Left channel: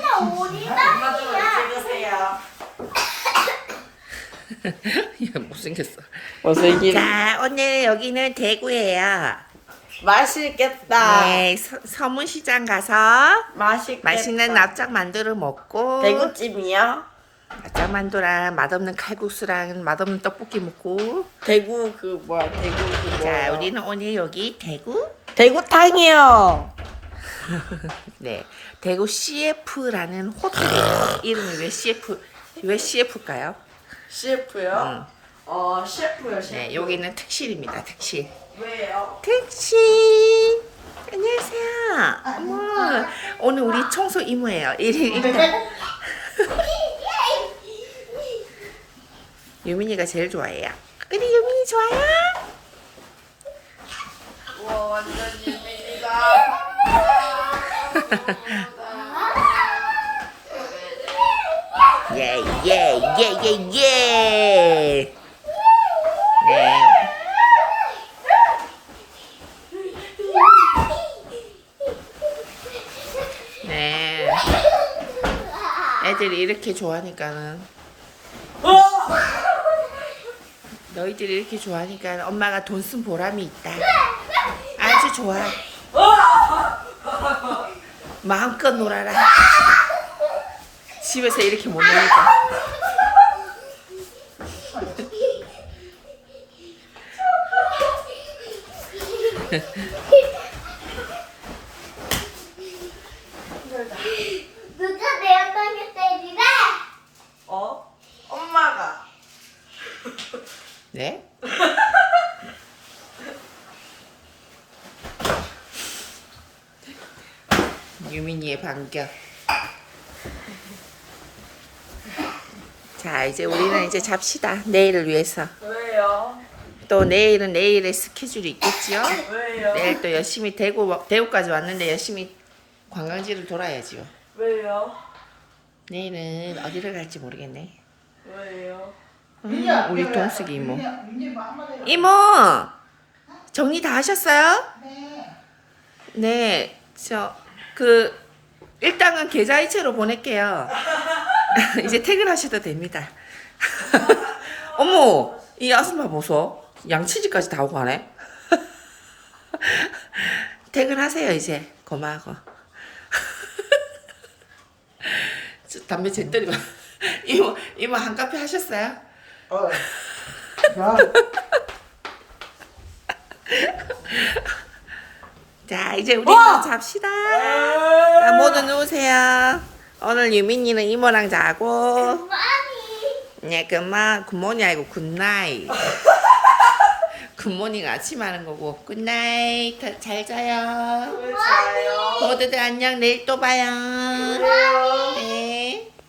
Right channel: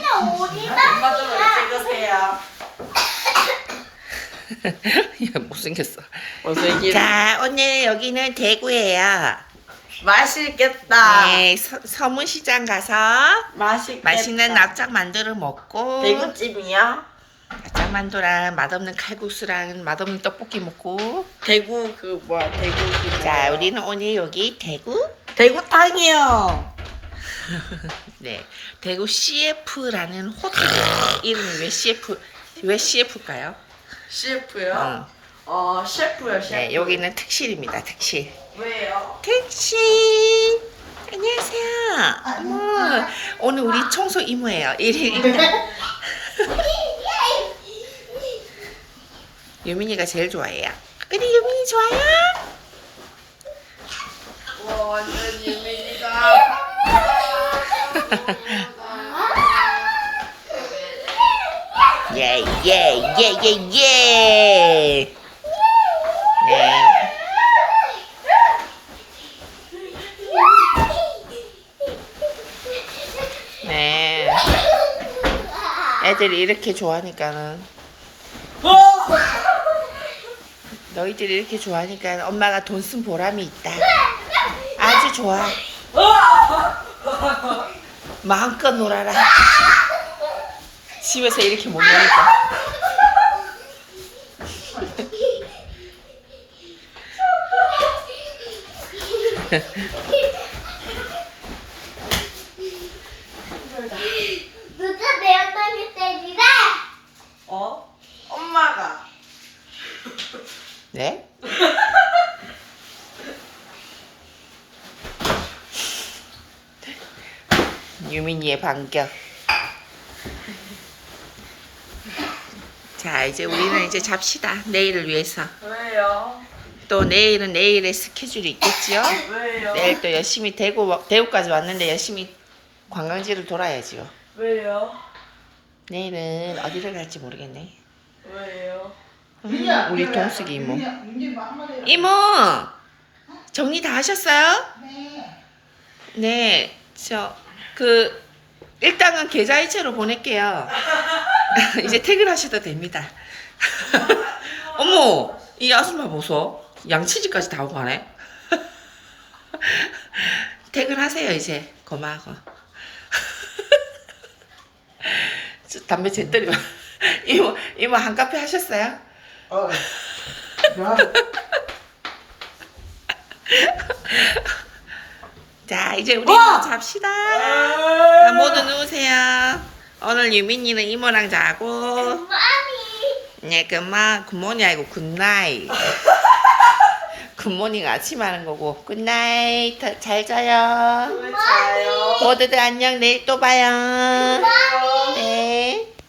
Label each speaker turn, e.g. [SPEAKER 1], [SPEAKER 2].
[SPEAKER 1] 엄마 좀 찍으세요.
[SPEAKER 2] 야, 못생겼어. 자, 오늘 여기는 대구예요.
[SPEAKER 1] 맛있겠다.
[SPEAKER 2] 네, 서문시장 가서
[SPEAKER 1] 맛있겠다.
[SPEAKER 2] 맛있는 납작 만두를 먹고
[SPEAKER 1] 대구찜이요?
[SPEAKER 2] 납작 만두랑 맛없는 칼국수랑 맛없는 떡볶이 먹고.
[SPEAKER 1] 대구 그 뭐야 대구 그
[SPEAKER 2] 자, 우리는 오늘 여기 대구
[SPEAKER 1] 대구탕이요.
[SPEAKER 2] 네, 대구 CF라는 호텔이에요. 이름이 왜 CF일까요?
[SPEAKER 1] CF요? 셰프요 셰프.
[SPEAKER 2] 네, 여기는 특실입니다. 특실.
[SPEAKER 1] 왜요?
[SPEAKER 2] 특실. 안녕하세요. 어머, 오늘 우리 청소 이모예요. 일단 유민이가 제일 좋아해요. 우리 유민이 좋아요?
[SPEAKER 1] 완전 유민이다.
[SPEAKER 2] 예, 예, 예, 예, 예. 네. 네. 애들이 이렇게 좋아하니까는 너희들이 이렇게 좋아하니까 엄마가 돈 쓴 보람이 있다. 아주 좋아. 마음껏 놀아라. 집에서 이렇게 못 노니까.
[SPEAKER 3] 누가 내 엉덩이 때리래?
[SPEAKER 1] 엄마가.
[SPEAKER 2] 네? 유민이의 반격. 자, 이제 우리는 이제 잡시다. 내일을 위해서.
[SPEAKER 1] 왜요?
[SPEAKER 2] 또 내일은 내일의 스케줄이 있겠지요?
[SPEAKER 1] 왜요?
[SPEAKER 2] 내일 또 열심히 대구까지 왔는데 열심히 관광지를 돌아야지요.
[SPEAKER 1] 왜요?
[SPEAKER 2] 내일은 어디를 갈지 모르겠네.
[SPEAKER 1] 왜요?
[SPEAKER 2] 우리 동숙이 이모. 이모! 정리 다 하셨어요? 네. 일단은 계좌이체로 보낼게요. 이제 퇴근하셔도 됩니다. 어머! 이 아줌마 보소. 양치질까지 다 하고 가네. 퇴근하세요, 이제. 고마워. 담배 제때리고. 이모 한 카페 하셨어요? 자, 이제 우리 잡시다. 자, 모두 누우세요. 오늘 유민이는 이모랑 자고.
[SPEAKER 3] 많이.
[SPEAKER 2] 네, 굿모닝 아니고 굿나잇. 굿모닝 아침 하는 거고. 굿나잇. 잘 자요.
[SPEAKER 1] 왜 자요?
[SPEAKER 2] 모두들 안녕. 내일 또 봐요.
[SPEAKER 3] 나